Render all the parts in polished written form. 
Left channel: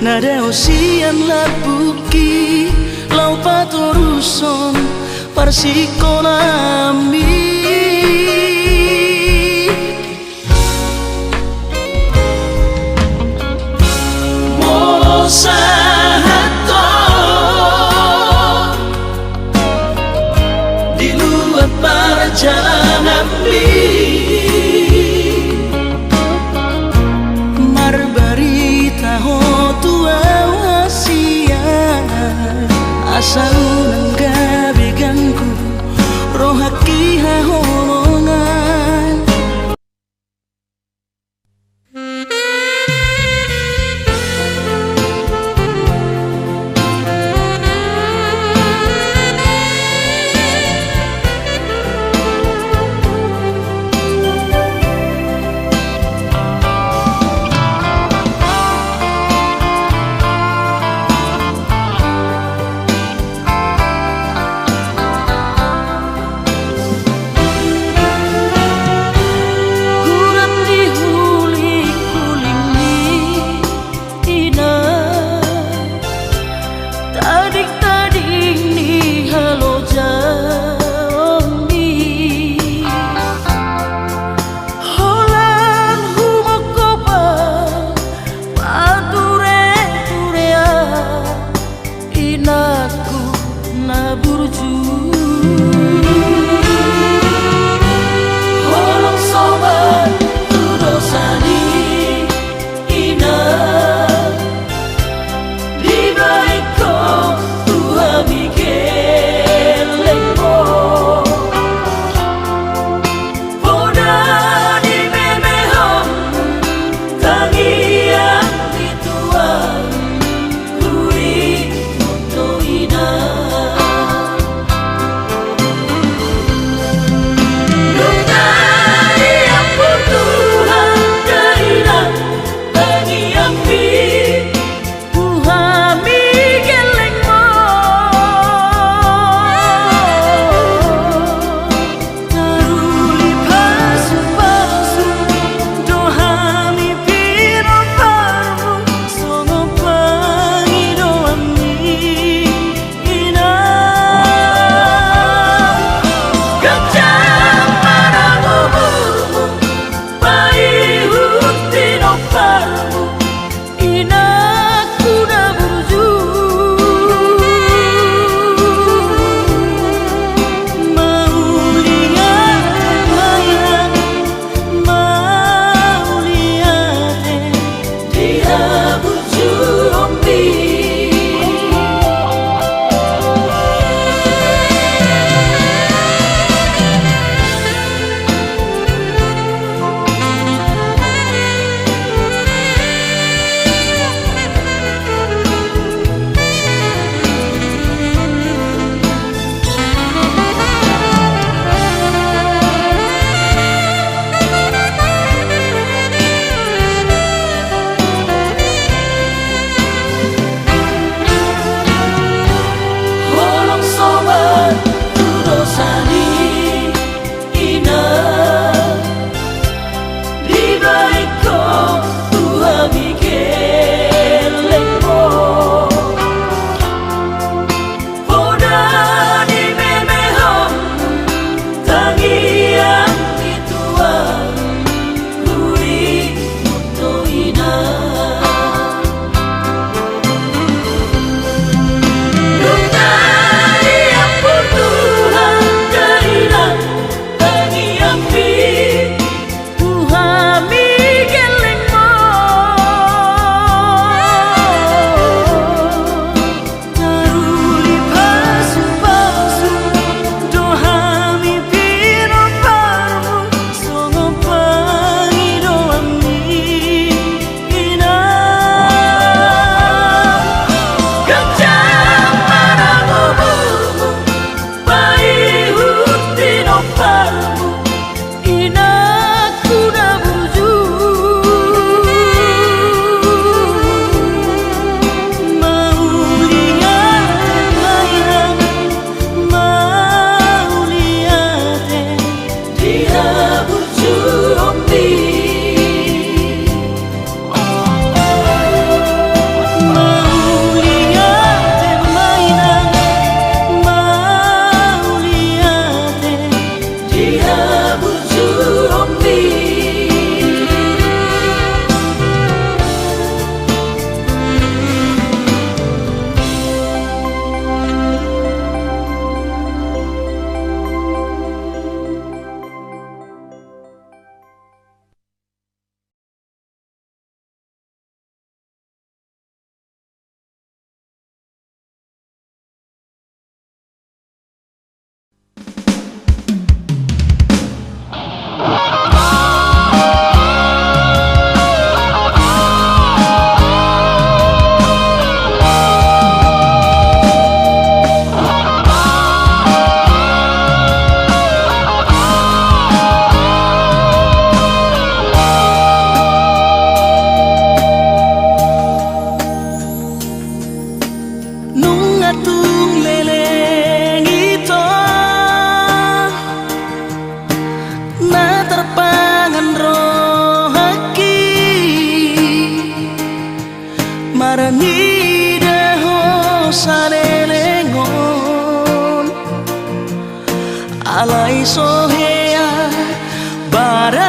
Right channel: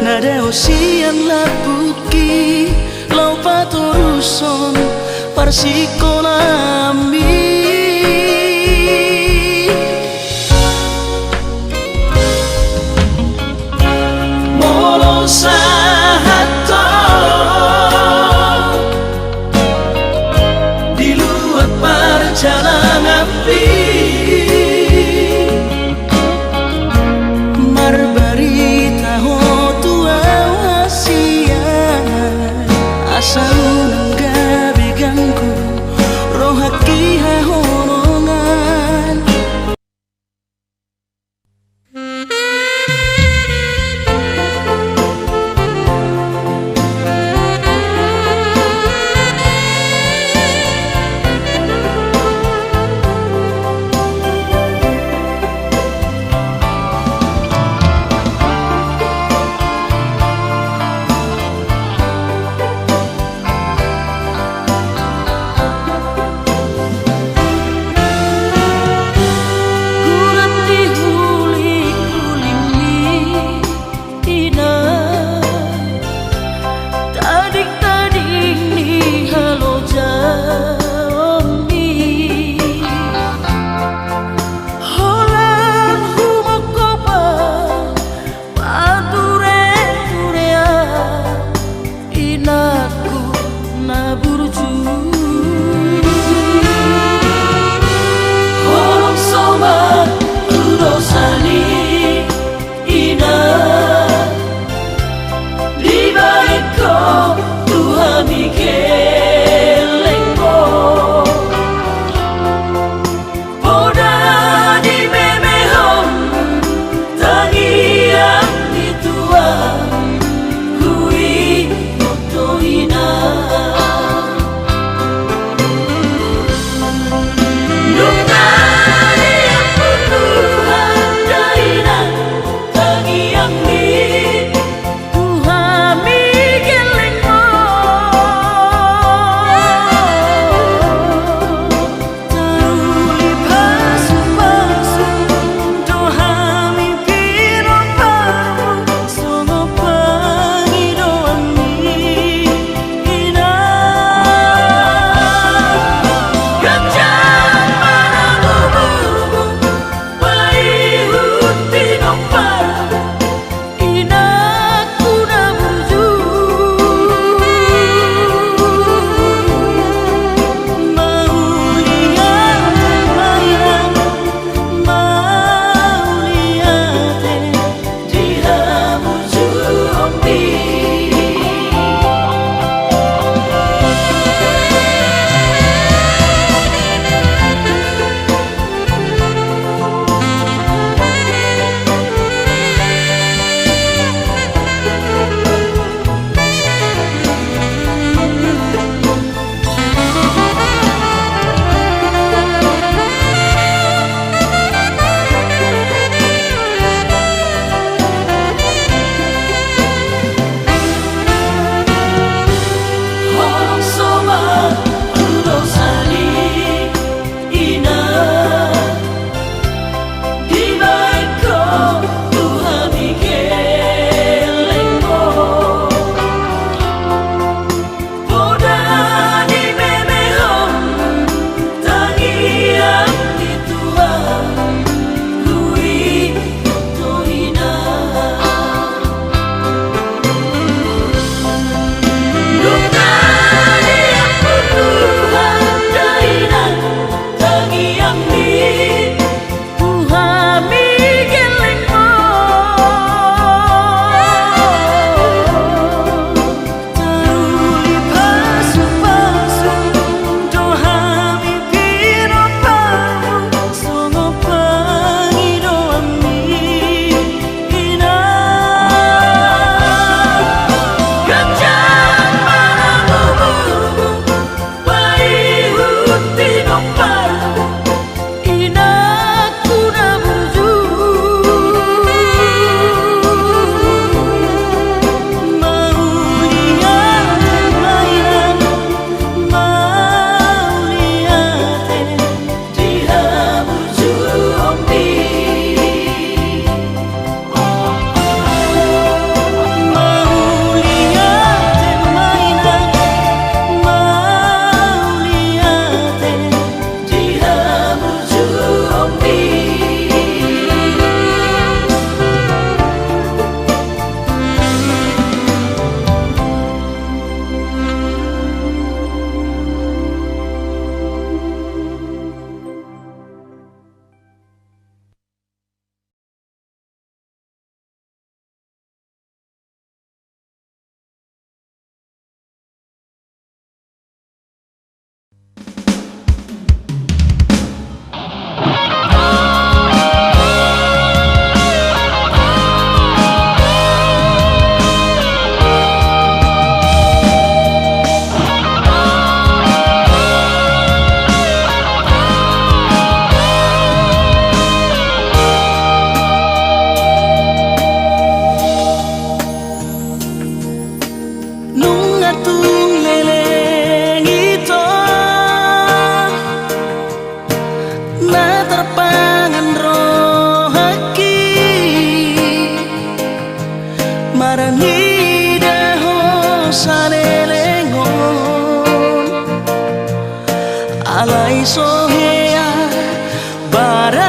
nadao sian labuki lau patoruson parsikonami molo sahato di luar perjalanan marbarita ho tua hasia asa unang gabi ganggu rohaki hahonongan sohea barania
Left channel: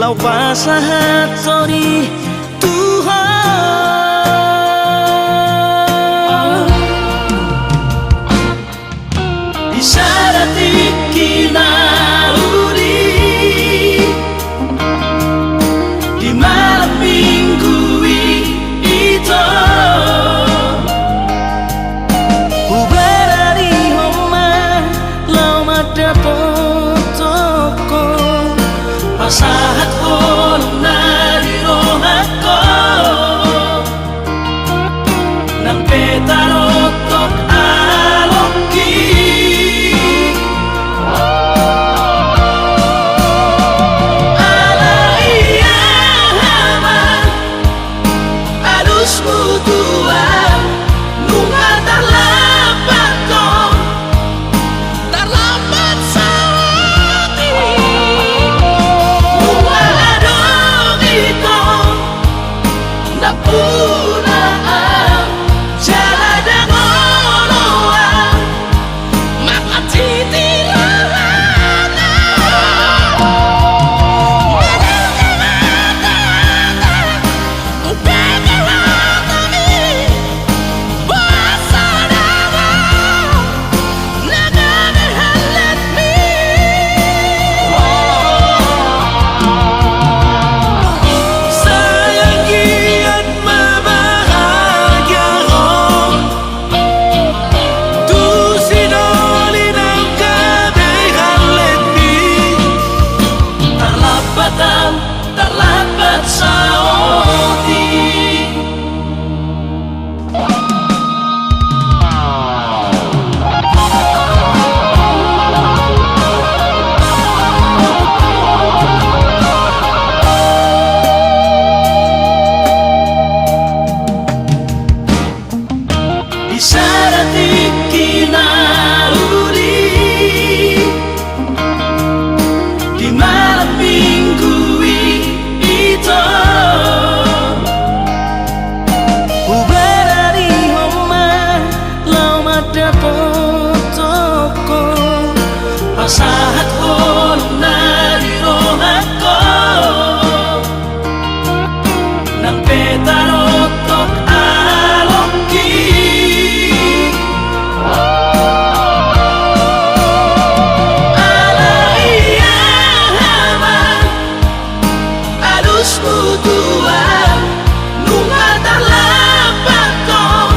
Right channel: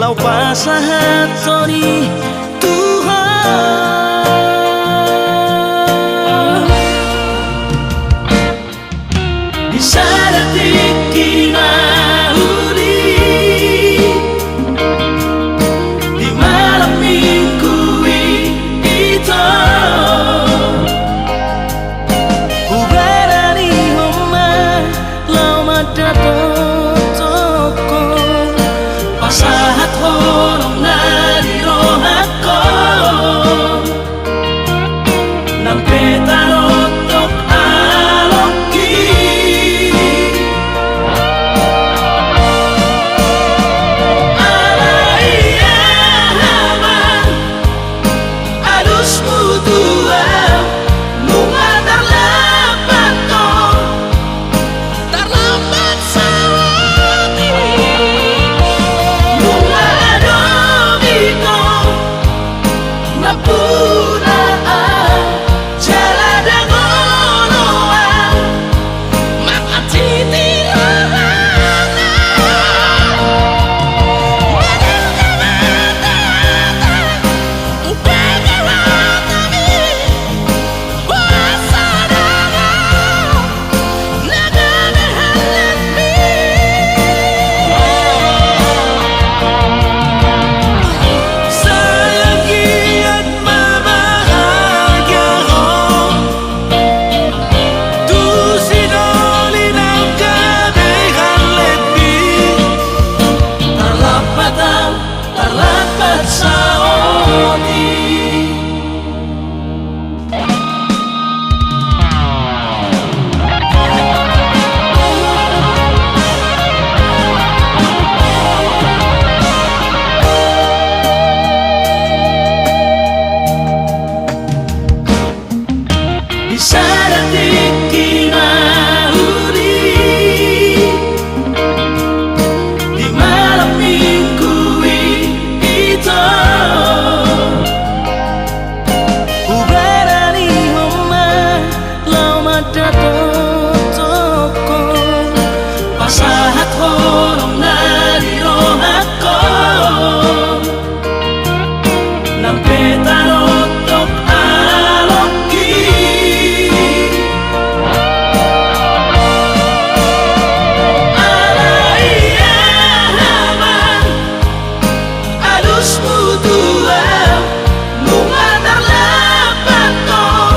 lau pasahat sori Tuhan isaratik kinauli di malam minggu itu ubarari homa lau madapo toko pasahat holong nari rohako nang petarotok alongki ala iya haman alus mutua nunga terlambat kong terlambat sawati nunga adogiko napuraan jalada ngoloan makatitirahana madalgamata upagaratami basadana nagagahalatmi sayangi at mabahagya ko tu sinoli ng kabihalatmi tarlapatan tarlapat sa oti isaratik kinauli di malam minggu itu ubarari homa lau madapo toko pasahat holong nari rohako nang petarotok alongki ala iya haman alus mutua nunga terlambat kong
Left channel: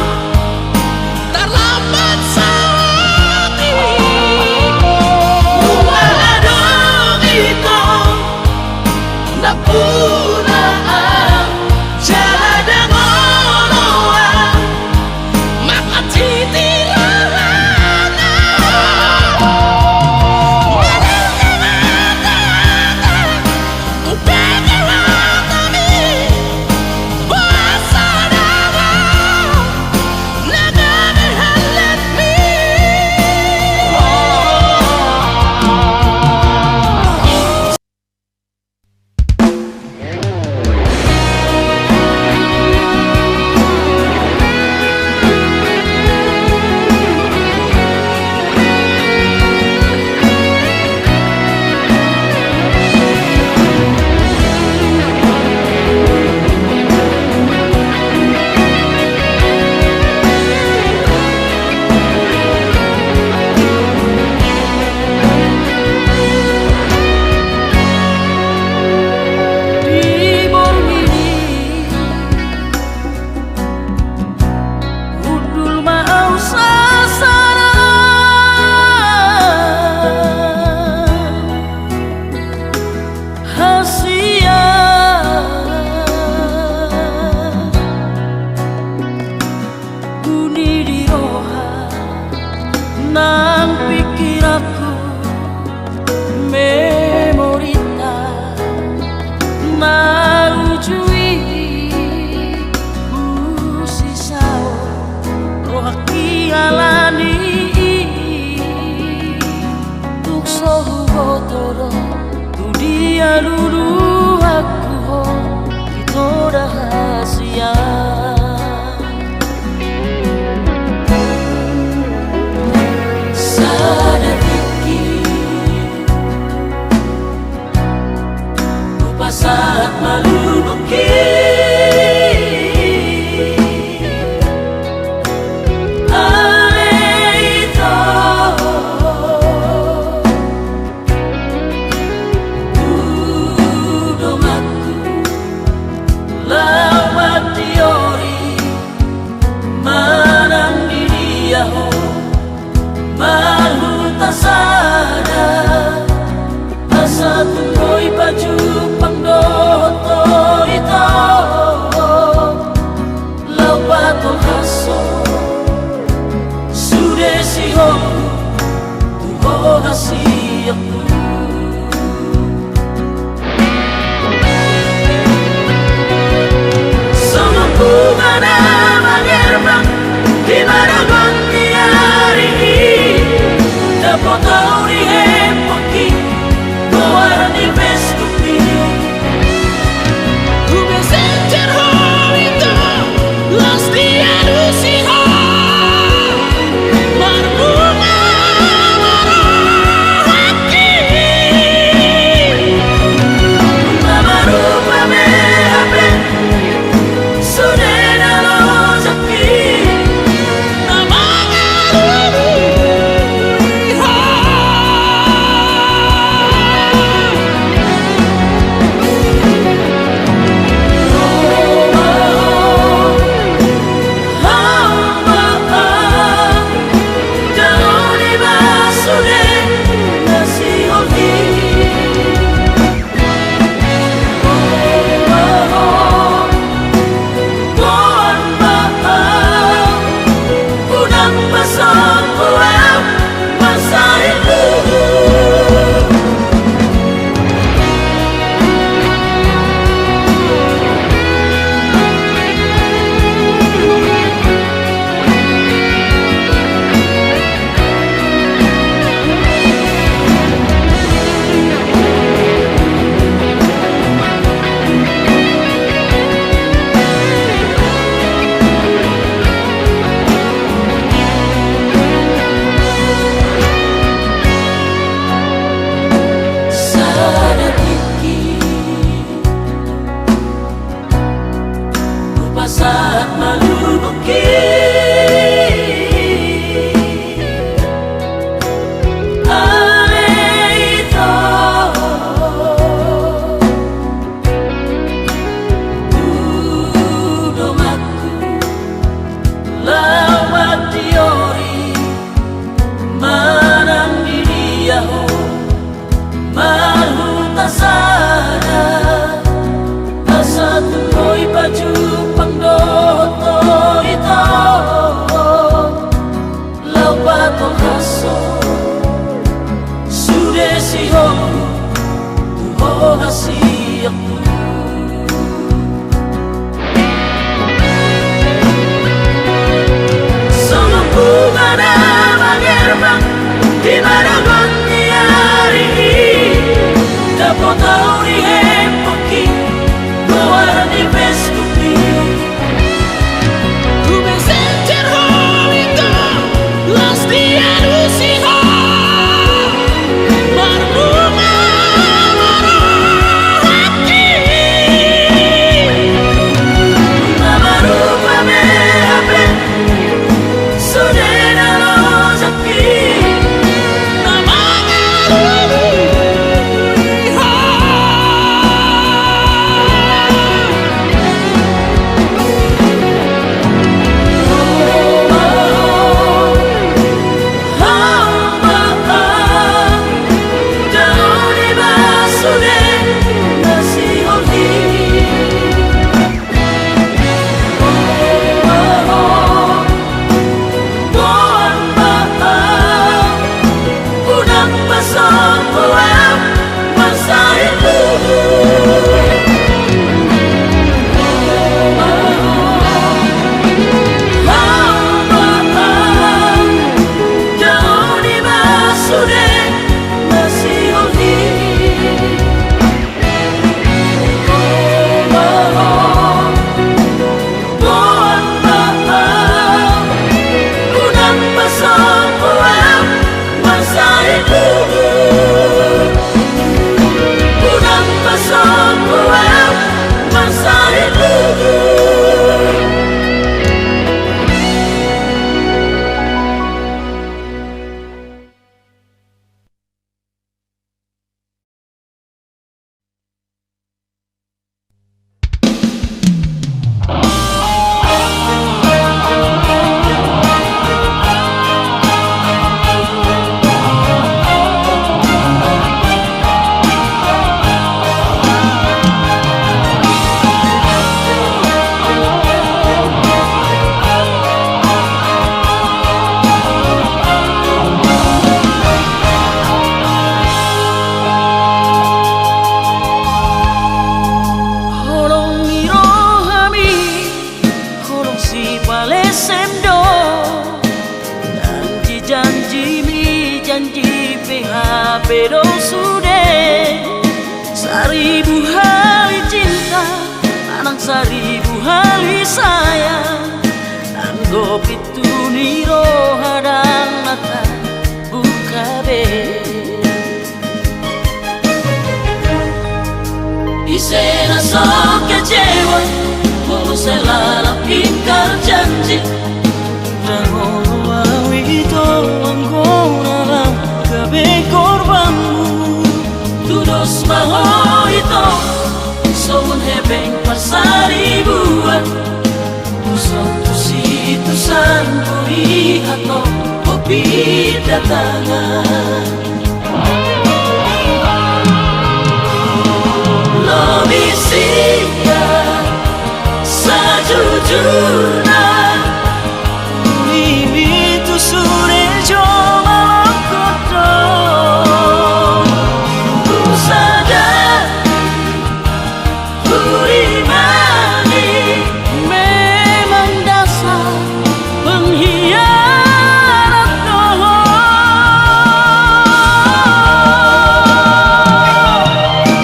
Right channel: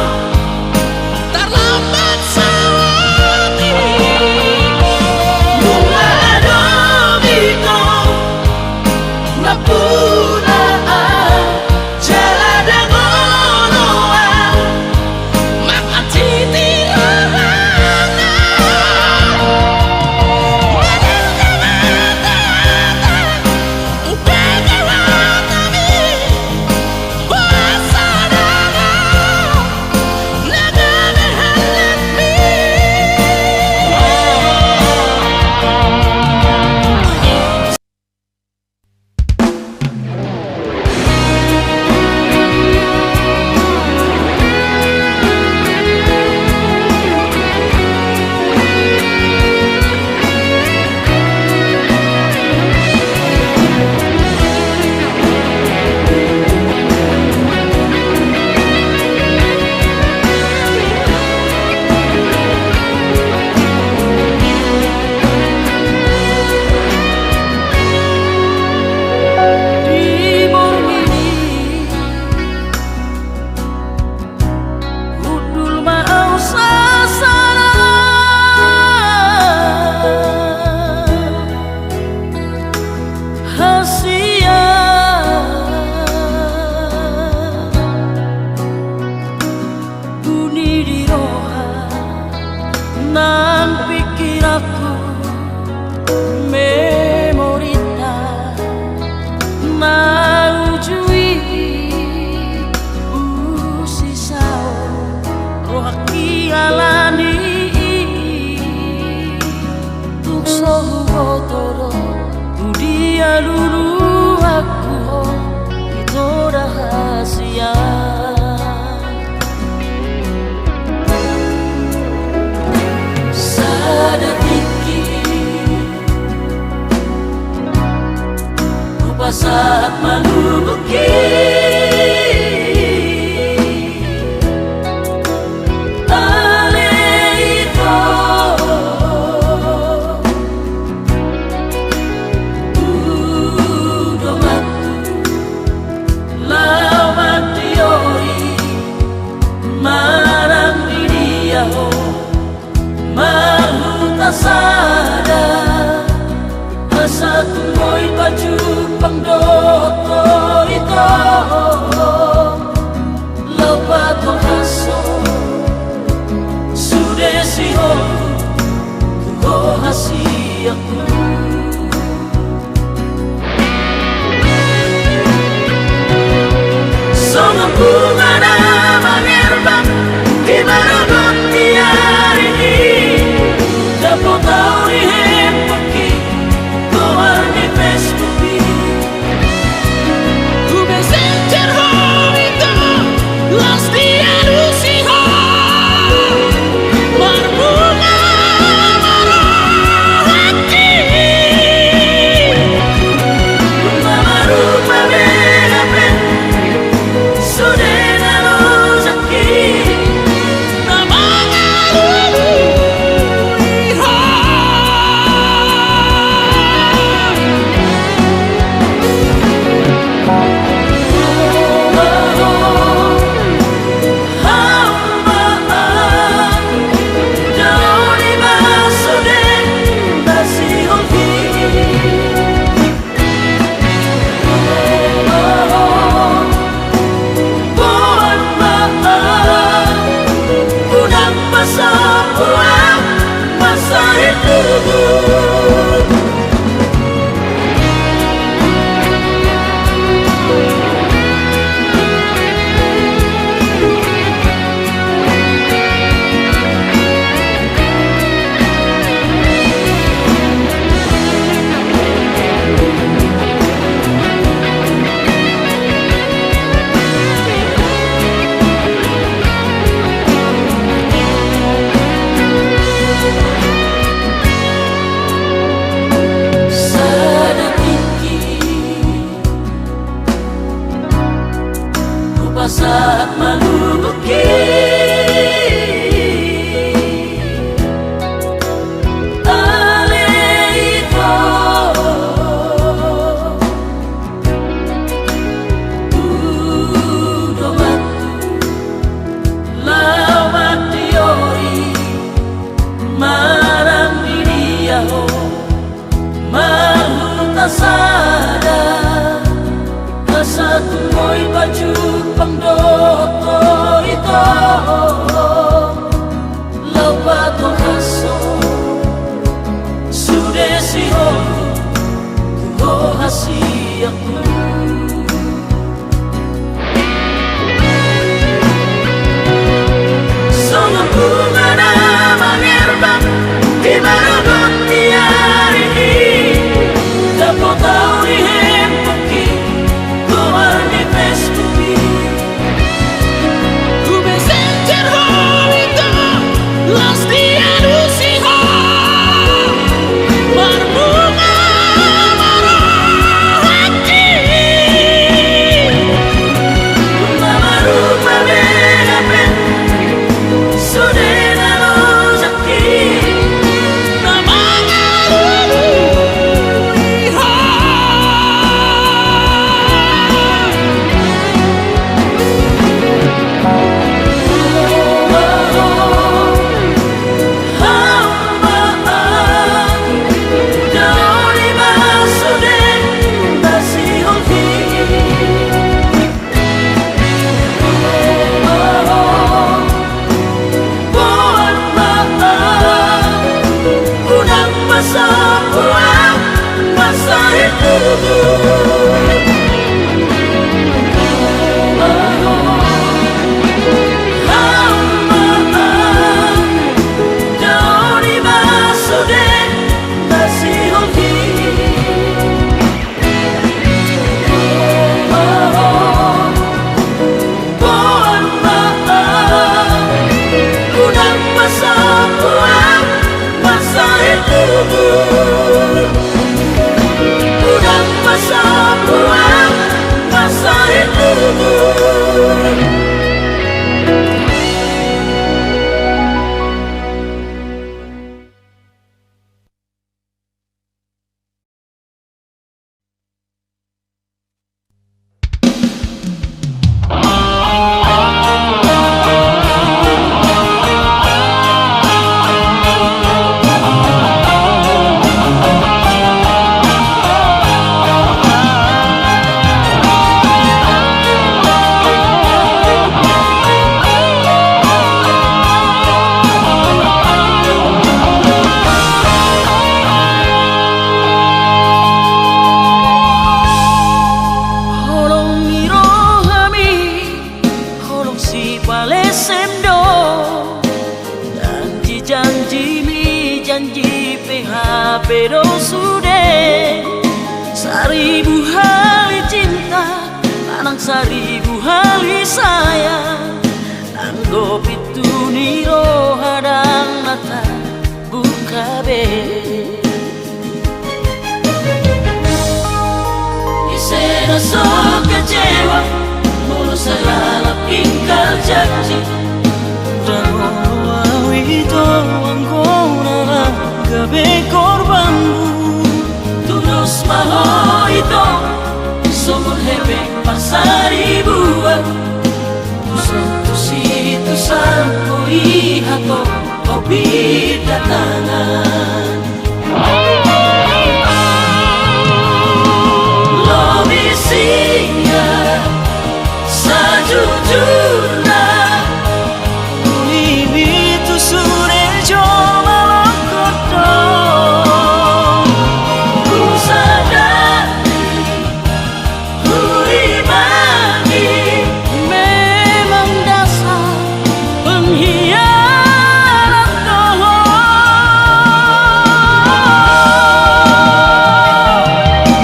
terlambat sawati nunga adogiko napuraan jalada ngoloan makatitirahana madalgamata upagaratami basadana nagagahalatmi di bormini udul mau sasana hasia bunyi di roha nang pikir aku memorita naujui usisao rohaki alani tukso hugotoro tu dia dulu aku ho itu rahasia tuloy baju pangdoto ito Labat ang haso Sudesiho Tuho hasiyak mo Sa bunga na mangerbang Kinaraman di hari ini Dapat tahu di hempaki Mewarni veskupi Ku besencer homito Las dialusiho Berbunga marah hati Bunga baru memehape Sudena lozaki Namanya lulu iha Saat malubuki Ale ito Dudong aku Lawat diori Marang diriyaho Mahal tak sadar Asa tuloy baju pangdoto ito Labat ang haso Sudesiho Tuho hasiyak mo Sa bunga na mangerbang Kinaraman di hari ini Dapat tahu di hempaki Mewarni veskupi Ku besencer homito Las dialusiho Berbunga marah hati PHP do sude. Seribu hari cinta, anang seribu hari sayang. Anggap itu niro hadang mata buka be. Isena sok kecewa, mau selalu ingkar janji. Rangono awi to anggona lang gabe korbanmu. Tudos maho ito, somun hebeng pasari buat. Usang situ sampo ihato, kopi datangan. Sejujurnya Ulimi tu sure jo malakoto. Ku sadari, ku imani, memang dasar pengkhianat doho.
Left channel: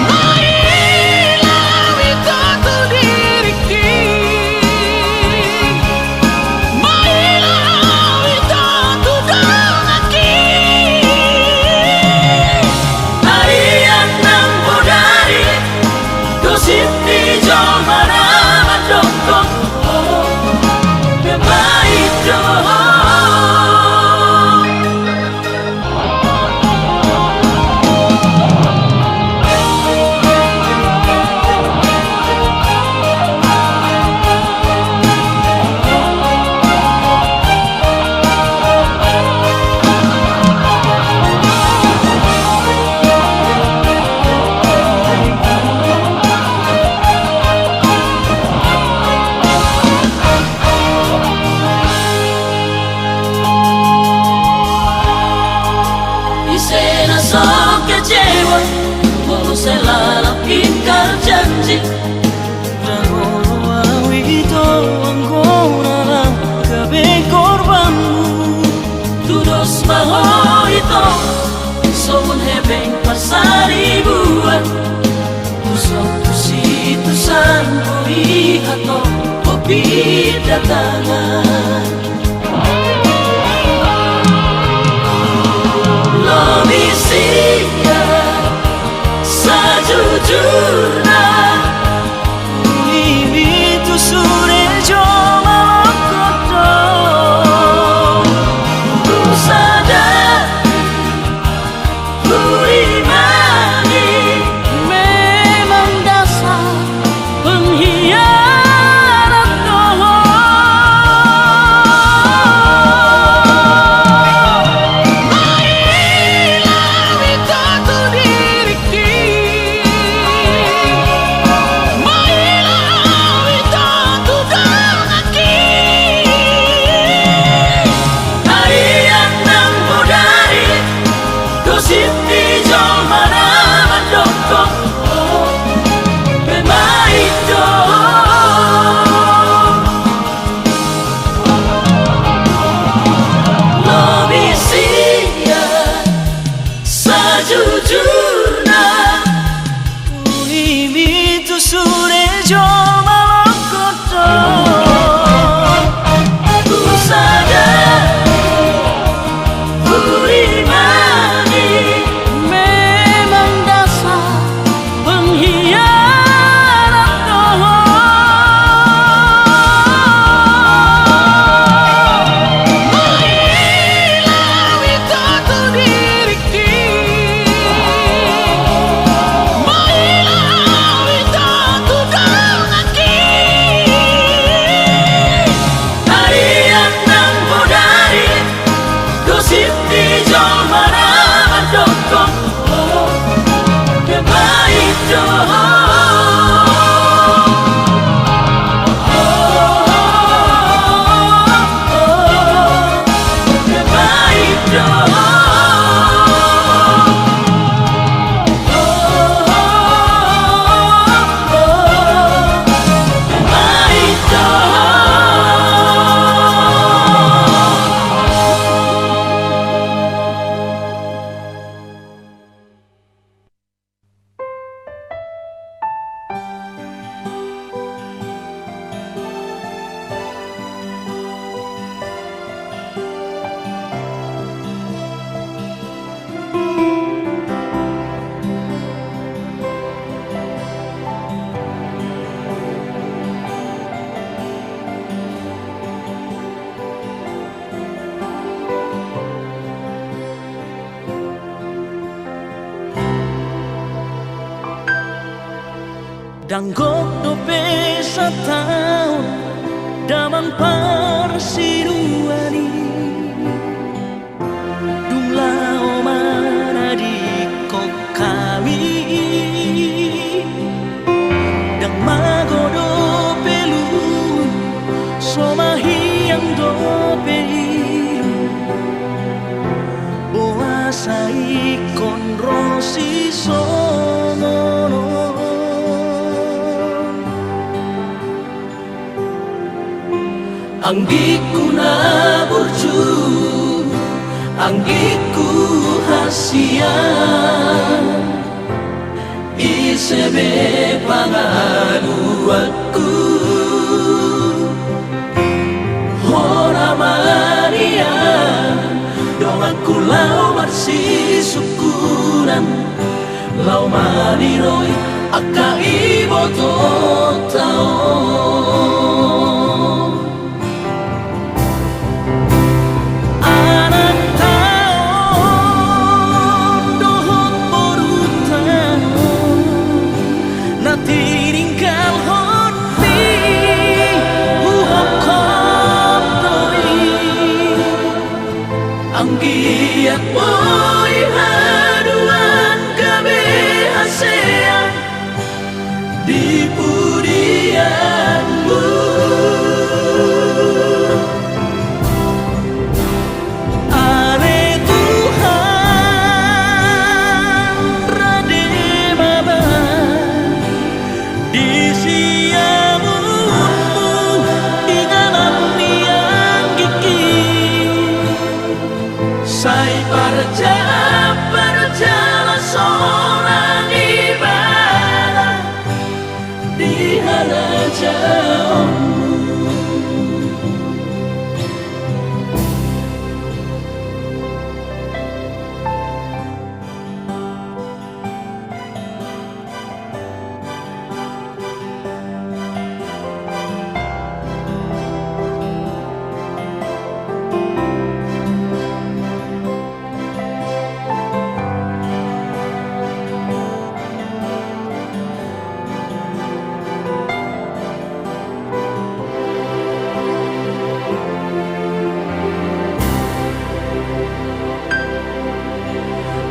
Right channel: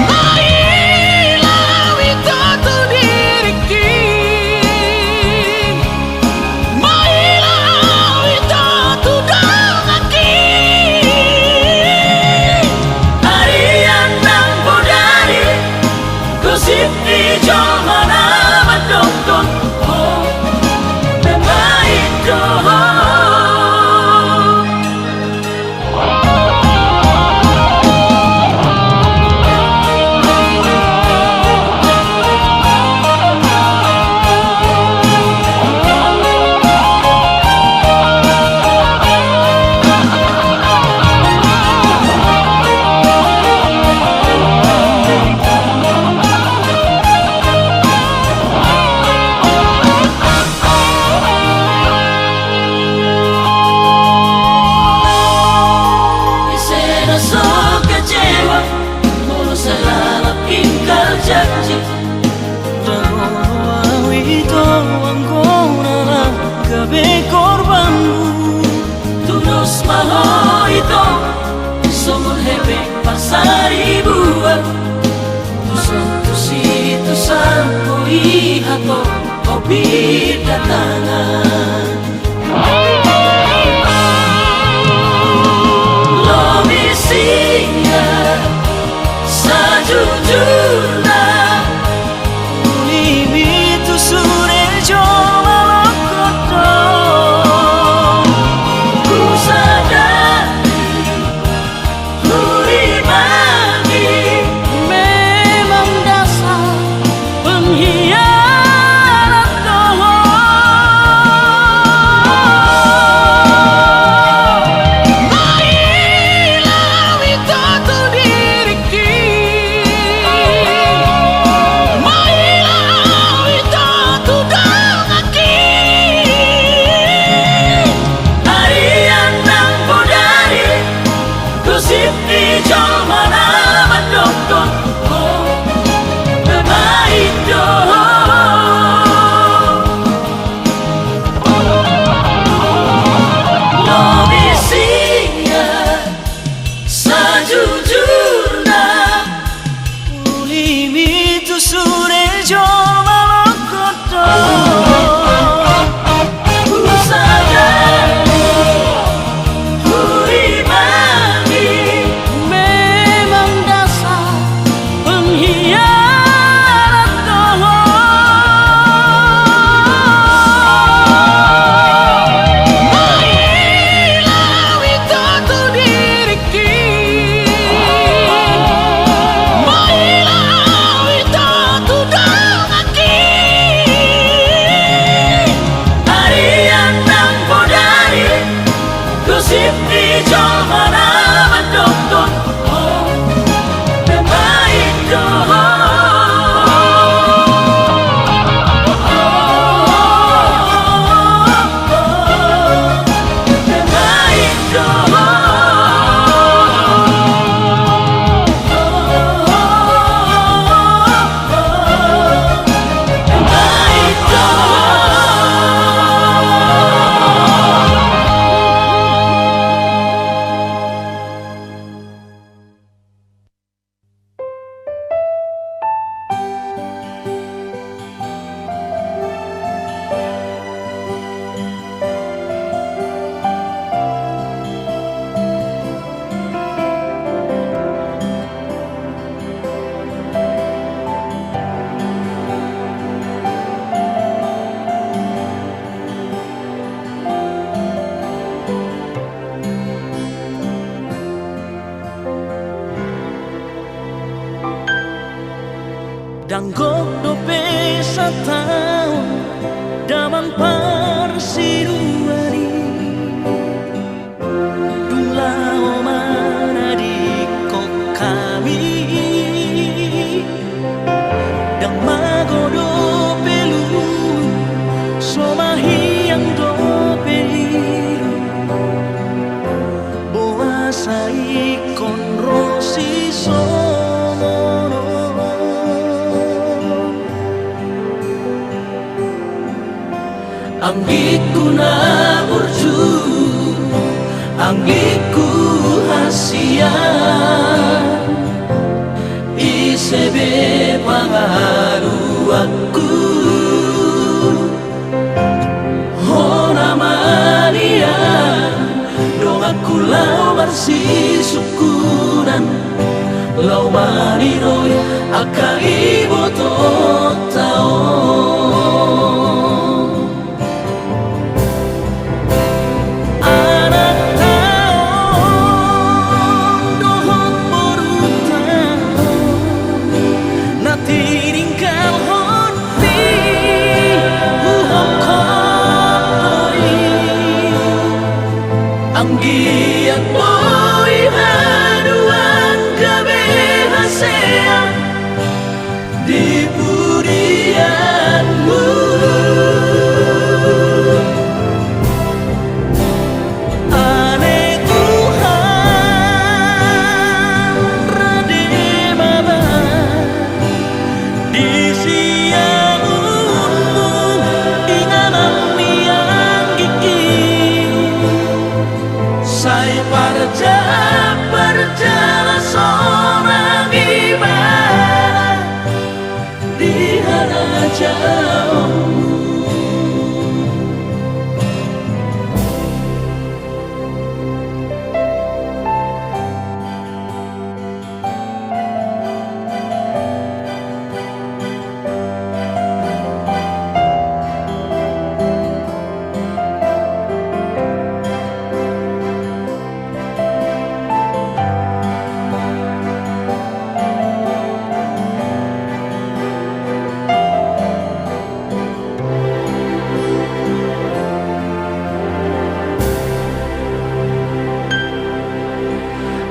Mailah itu tu diriki. Selalu ingkar janji. Rangono awi ito anggona lang gabe korbanmu. Tudos maho ito, somun hebeng pasari buat. Usang situ sampo ihato, kopi datangan. Sejujurnya Ulimi tu sure jo malakoto. Danggok dope sataun daman parsinuani Dulao mana di kok kami Dang magodo pelun somahi yang dope ilu Boa sai konrosi somono Anggiku na burju Anggiku hasian Isebe pangalu aku Hona Maria Dong aku lau marsi syukuran Lau mariroy aka ibo totao Anggiat boy haduan gabe hasea di pudianmu Ane Tuhan rade maba di siamunmu inganan yang gigi Sai berjalan seorang ibadah di hana jauh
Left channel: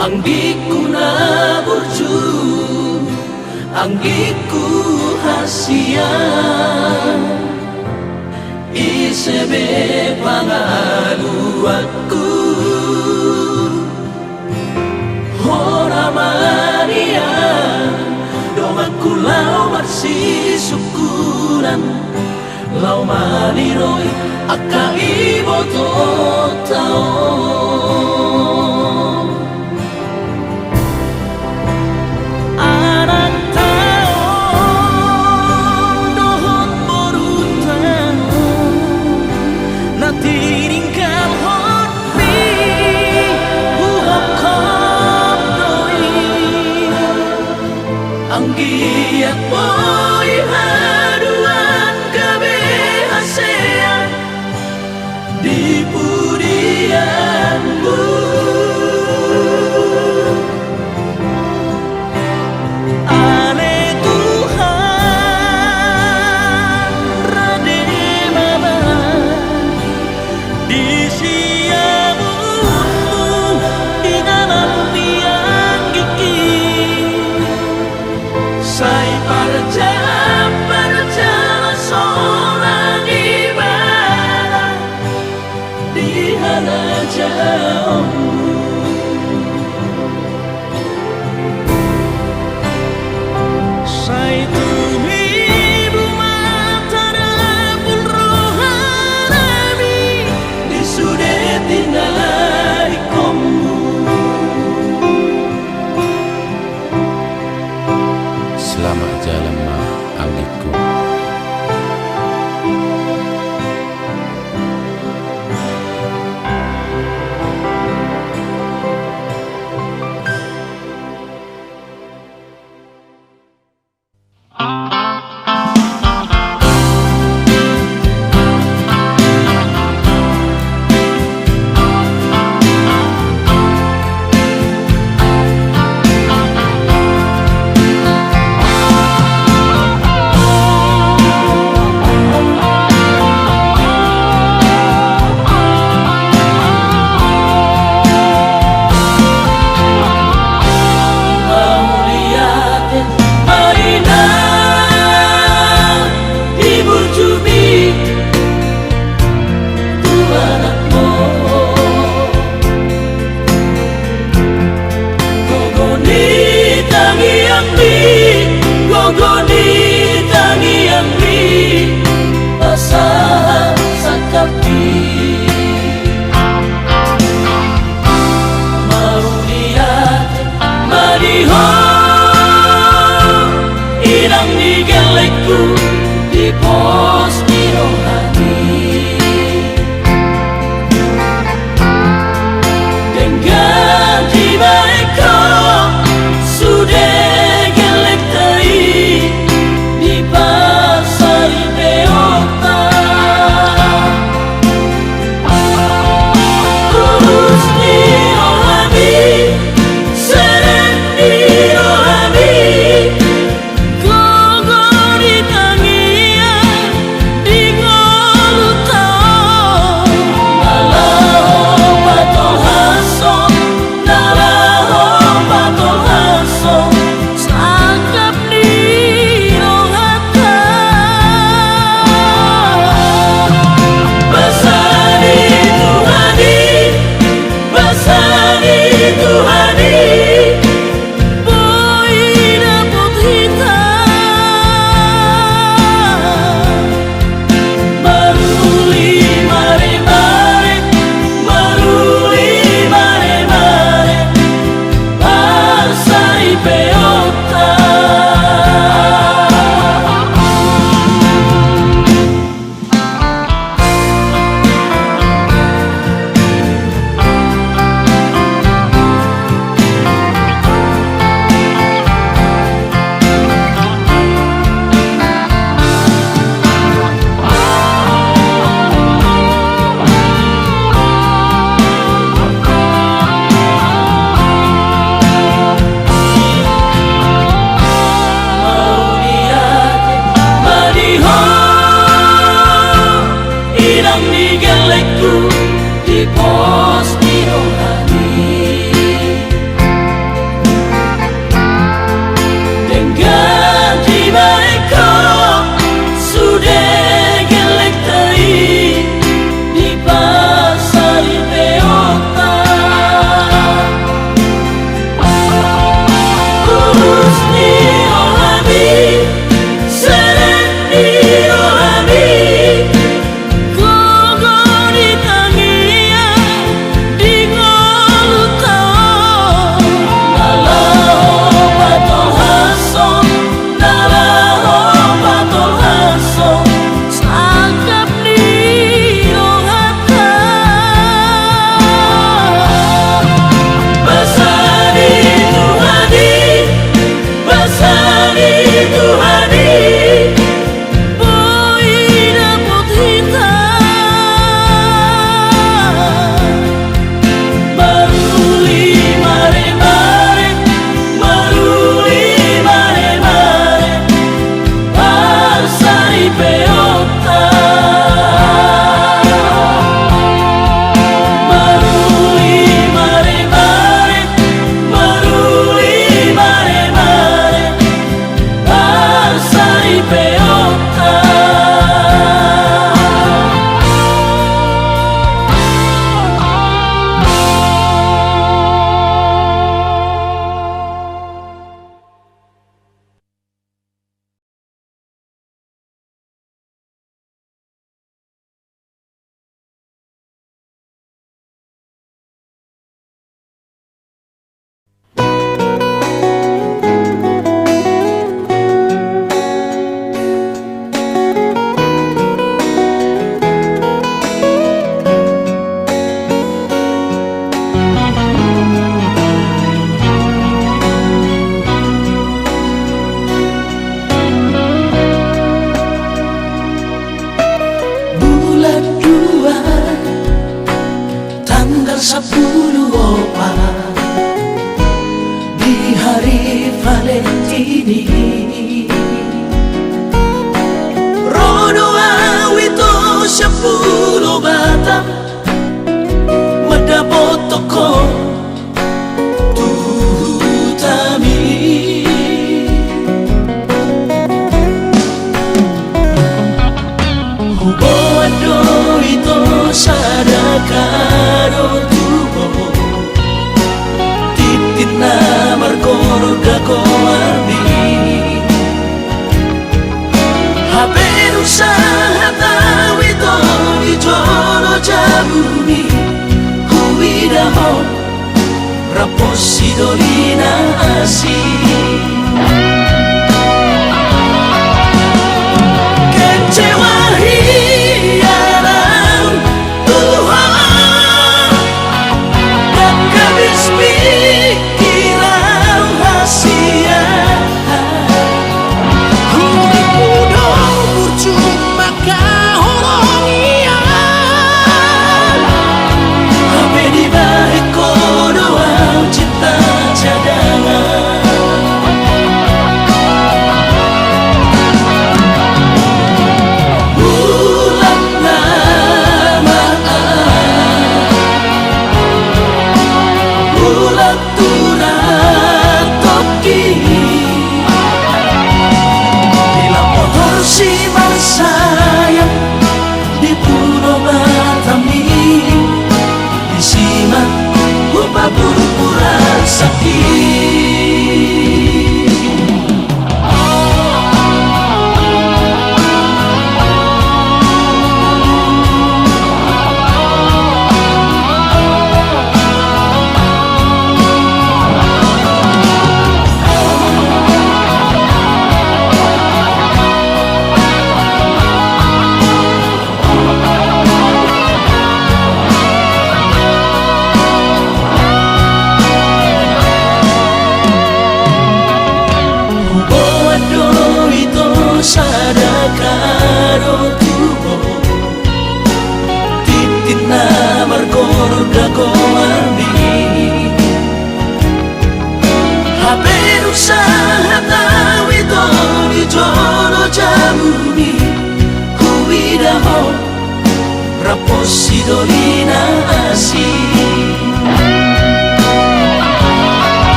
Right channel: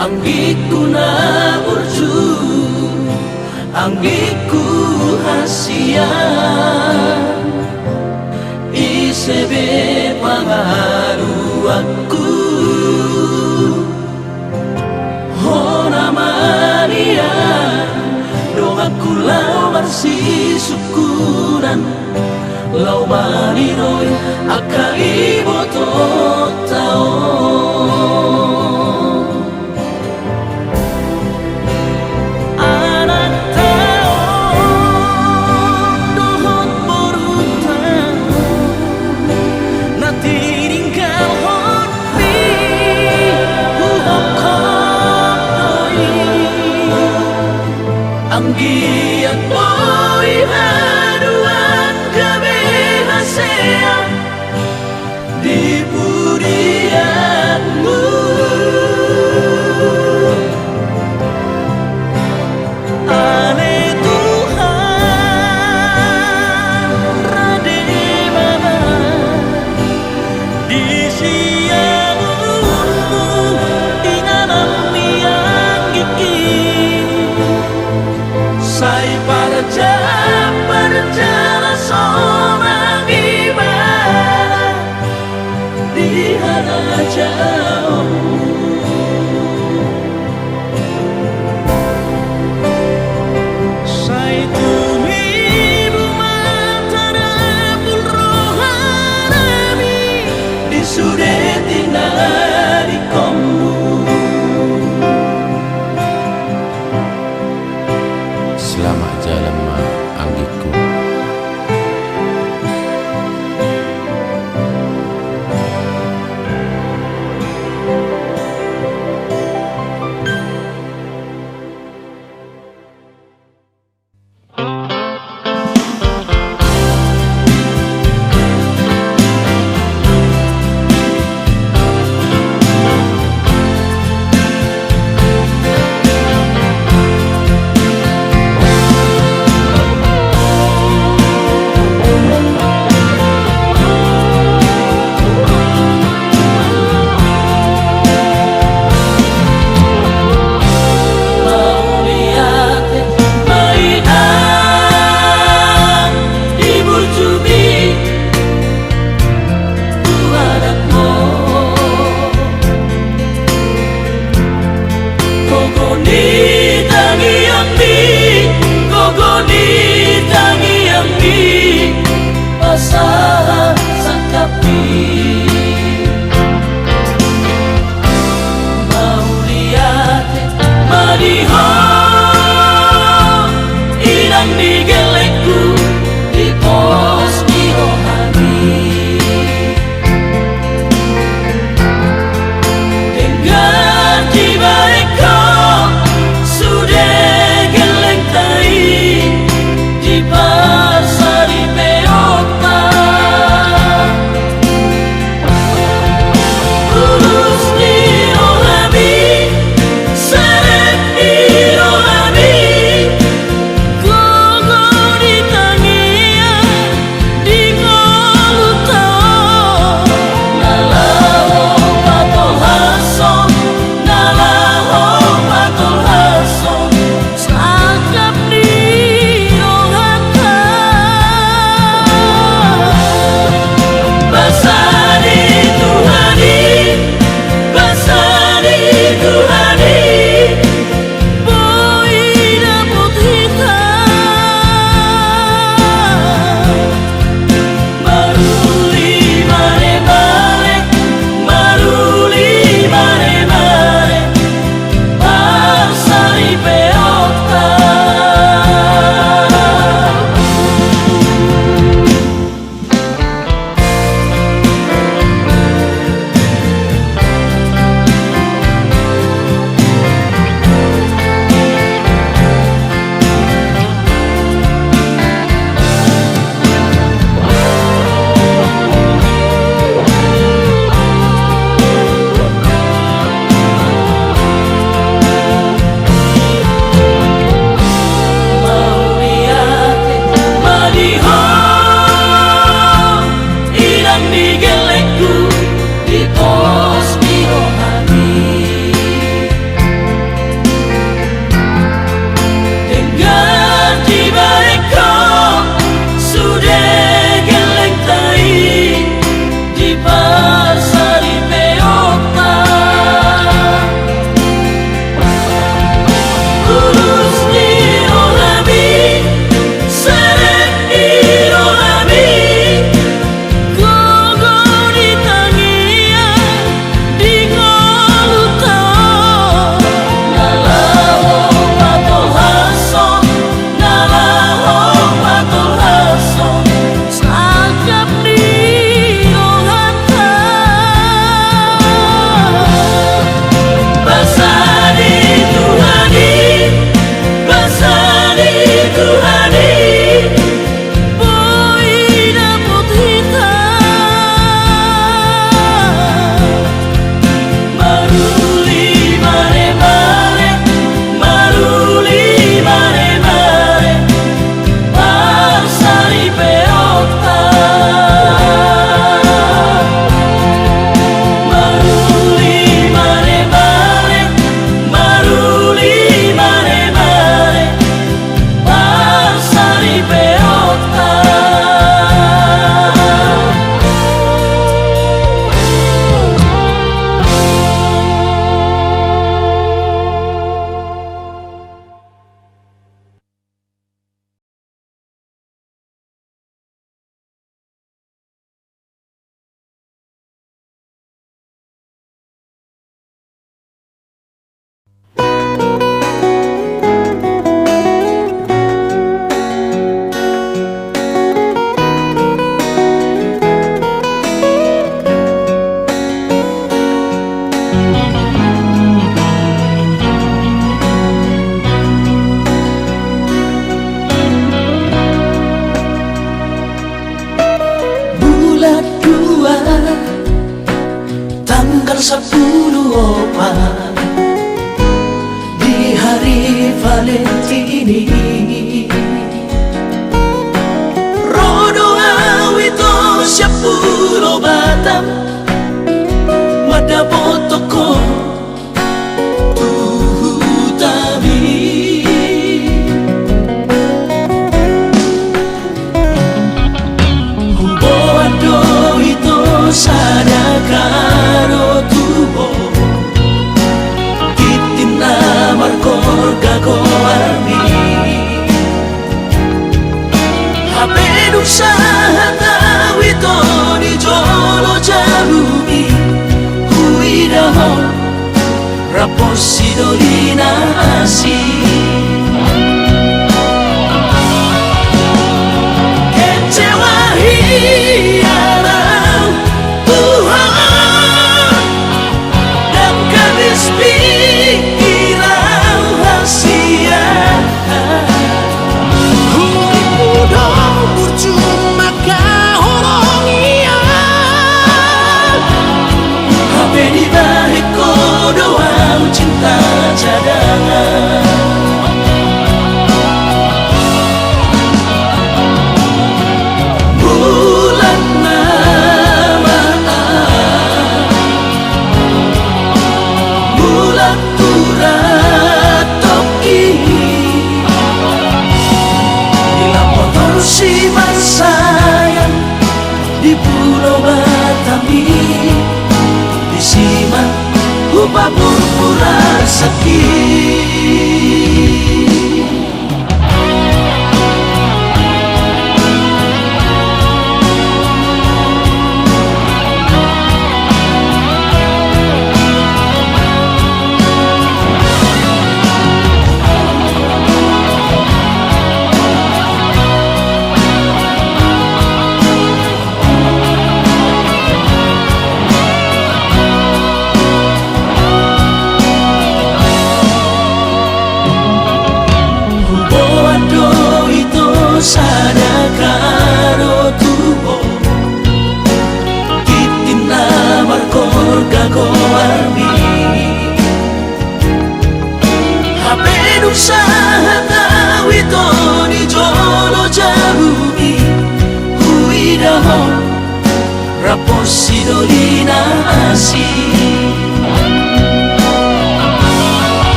Anggiku na burju Anggiku hasian Isebe pangalu aku Hona Maria Dong aku lau marsi syukuran Lau mariroy aka ibo totao Tinggal hormi huhop kop doi Anggiat boy haduan gabe hasea di pudianmu Ane Tuhan rade maba di siamunmu inganan yang gigi Sai berjalan seorang ibadah di hana jauh Sai tumi Selamat jalan ma Anggiku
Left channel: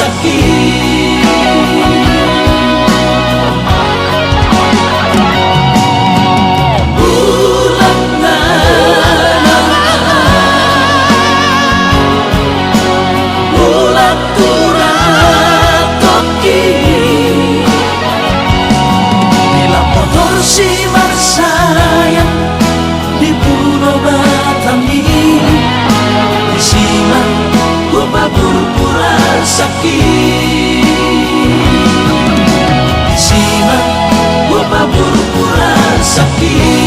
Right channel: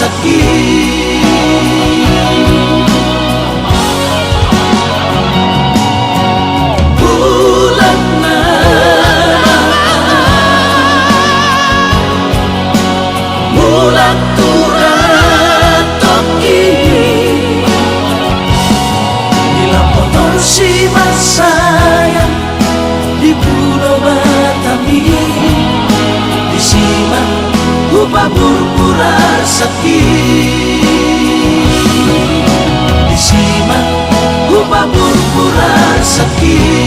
sakit. Bulan bulan turang toki bila motor si sayang di Pulau Batami di siman upah pura sakit di siman upah pura sakit.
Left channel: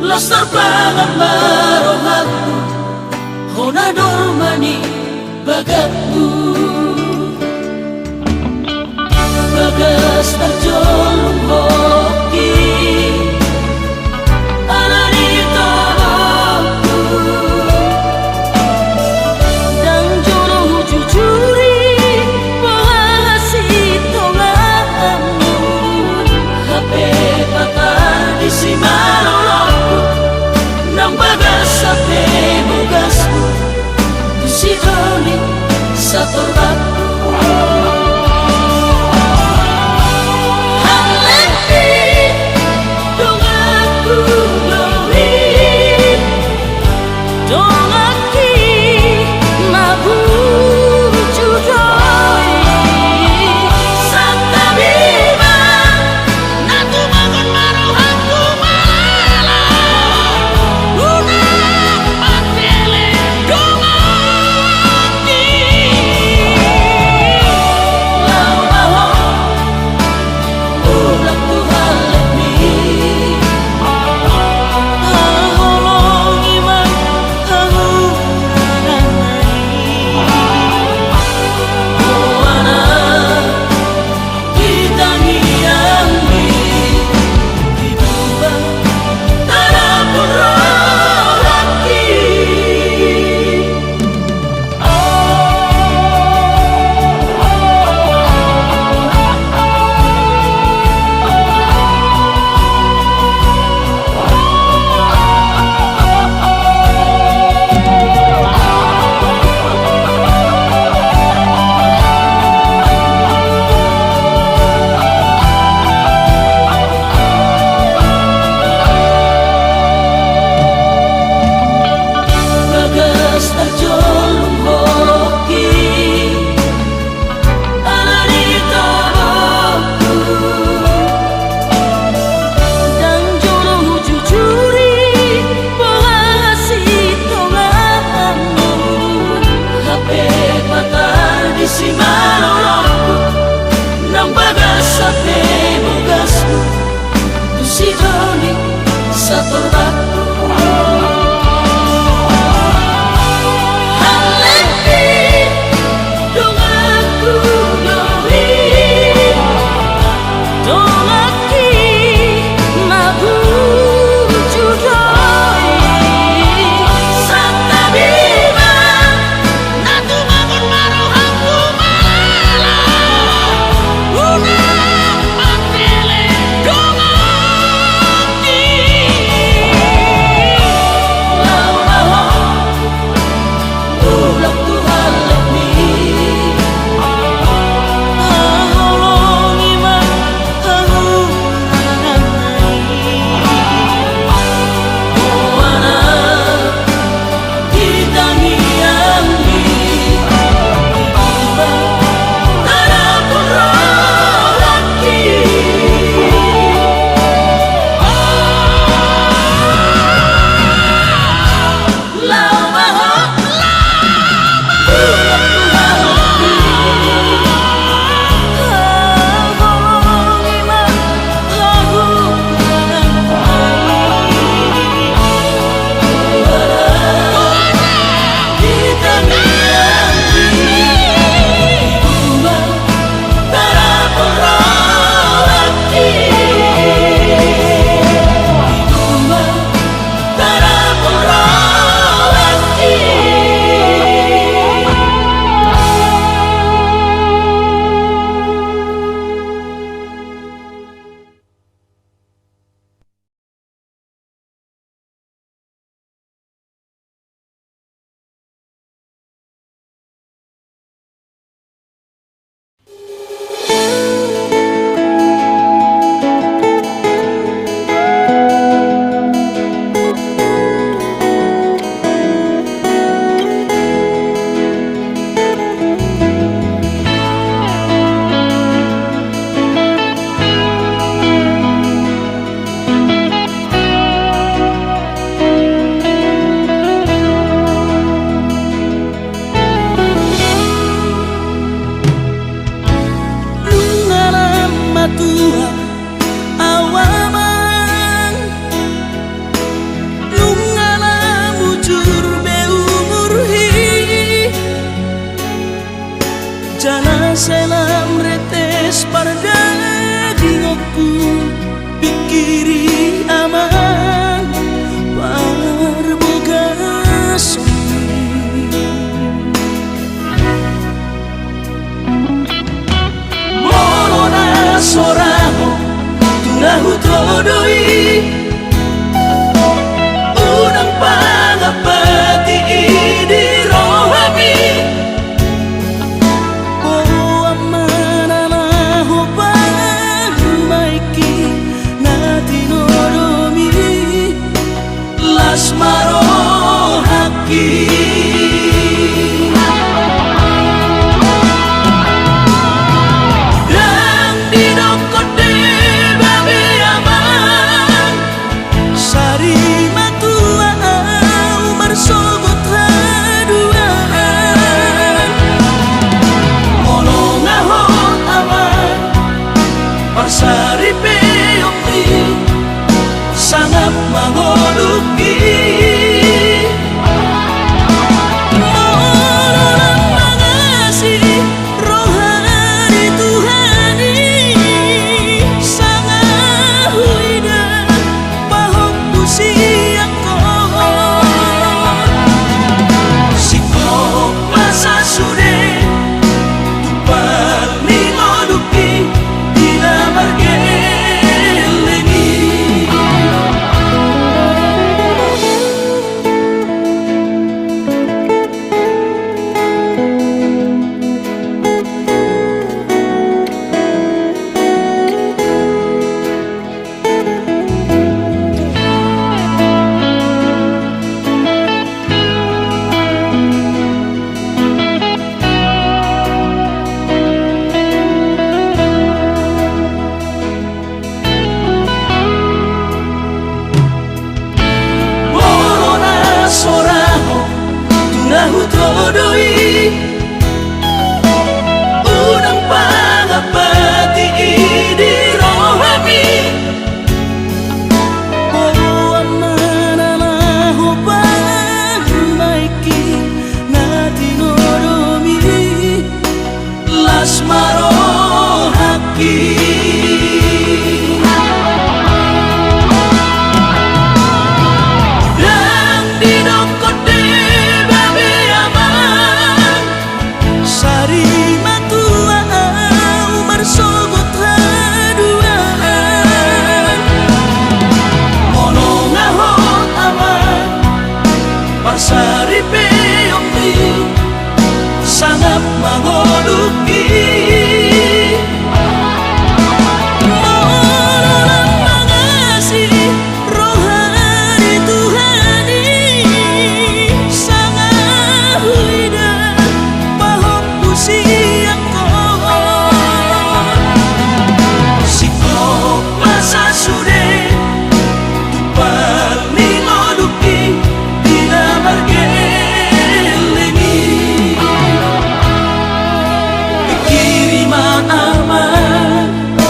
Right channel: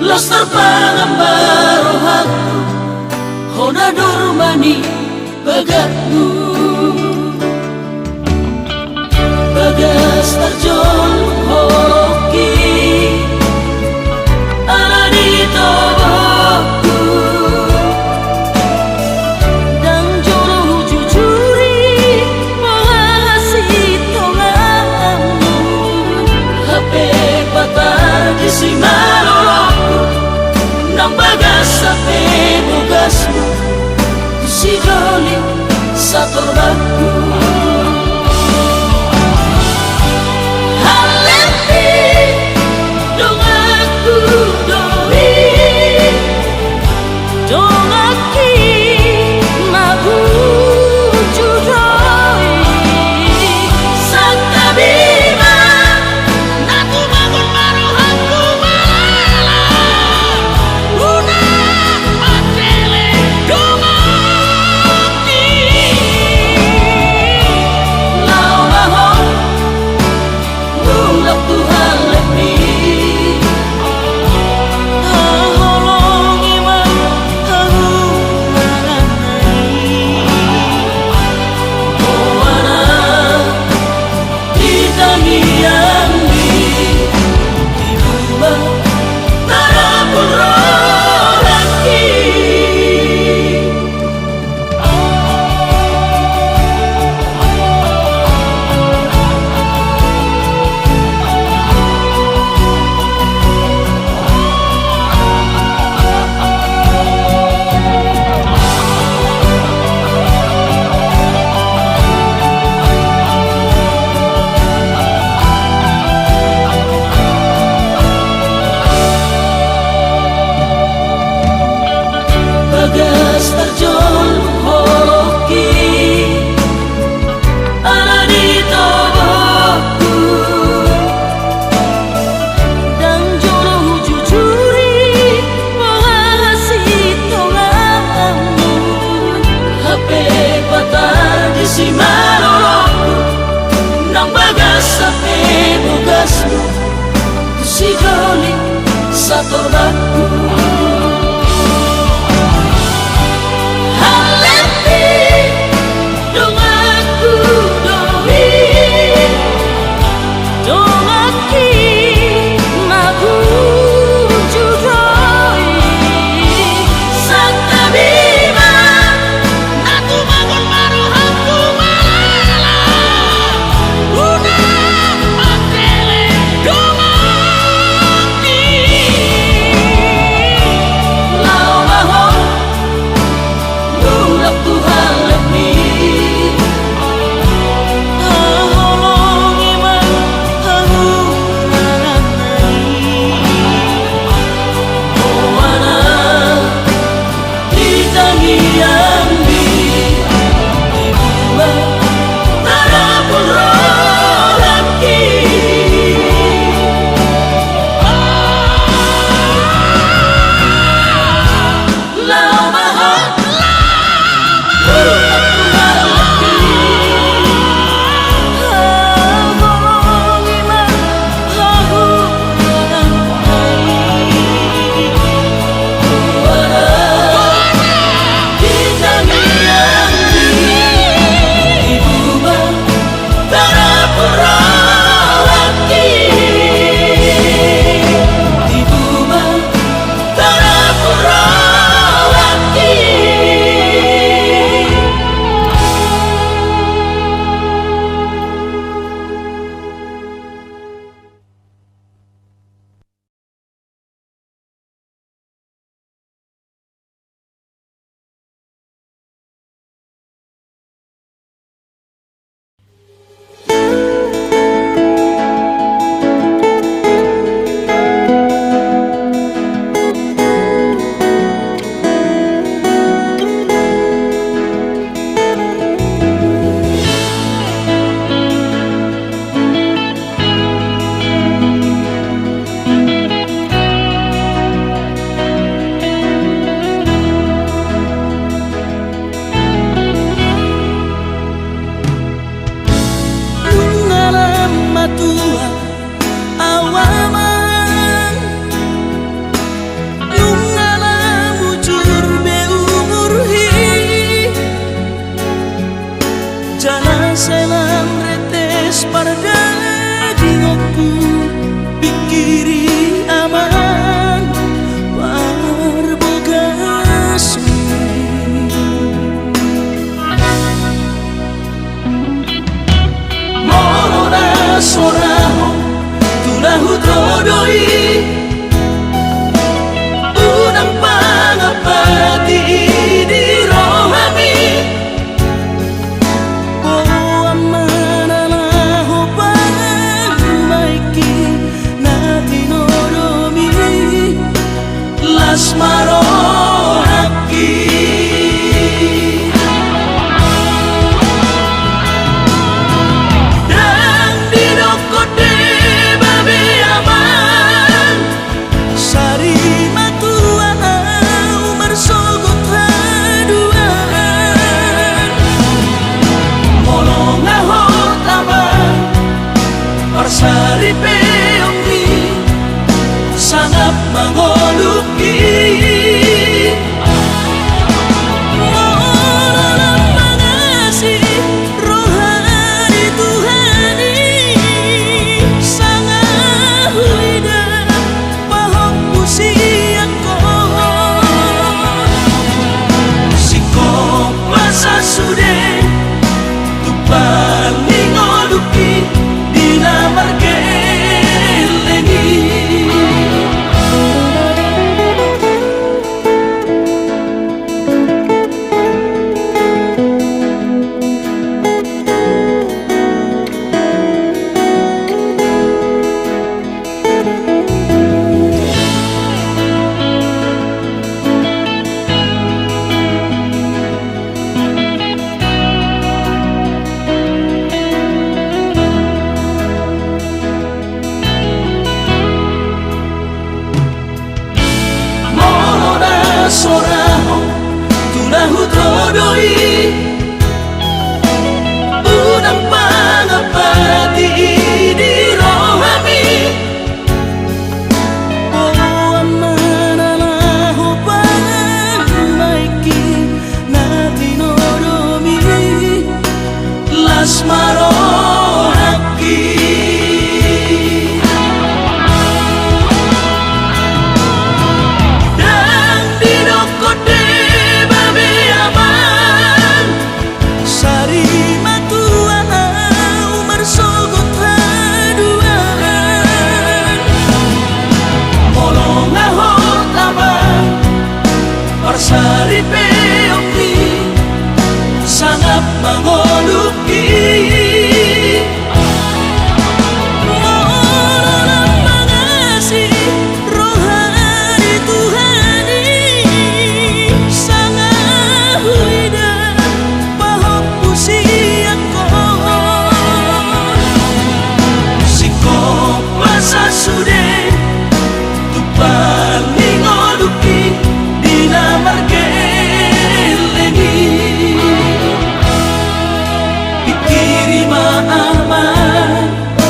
Lastar pangamarohanku Hona normani bagatku Bagas terjolong hoki Ala ditolokku Dan jolo jujuri Bahasi tonganmu HP patah di simalolokku Nang bagas sampai bogasmu Si doli satu rakku Halepi dong aku doi Dong aki mabu judoi Santa biba Natu bangun maruhanku malala Luna matele dong aki Lau mahon Ulak Tuhan lebih Haholong iman Hahurangan naik Moana Kita giambi Dibuba Tarapun rolaki Bagas terjolong hoki Ala ditolokku Dan jolo jujuri Bahasi tonganmu HP patah di simalolokku Nang bagas sampai bogasmu Si doli satu rakku peongki sangat mangoluki mohon mengasih rohani Tuhani sangat huida bahop usiaku sikop masa sude tupang mingoluki dina margelengi ikirima aman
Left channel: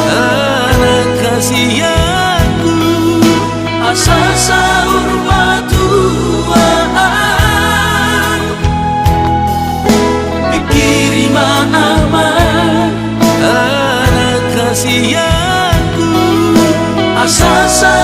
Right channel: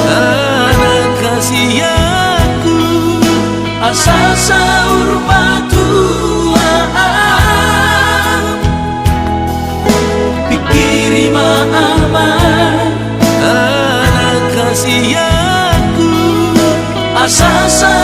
anak kasih aku asal sahur batuaan ikirima aman anak kasih aku asal sahur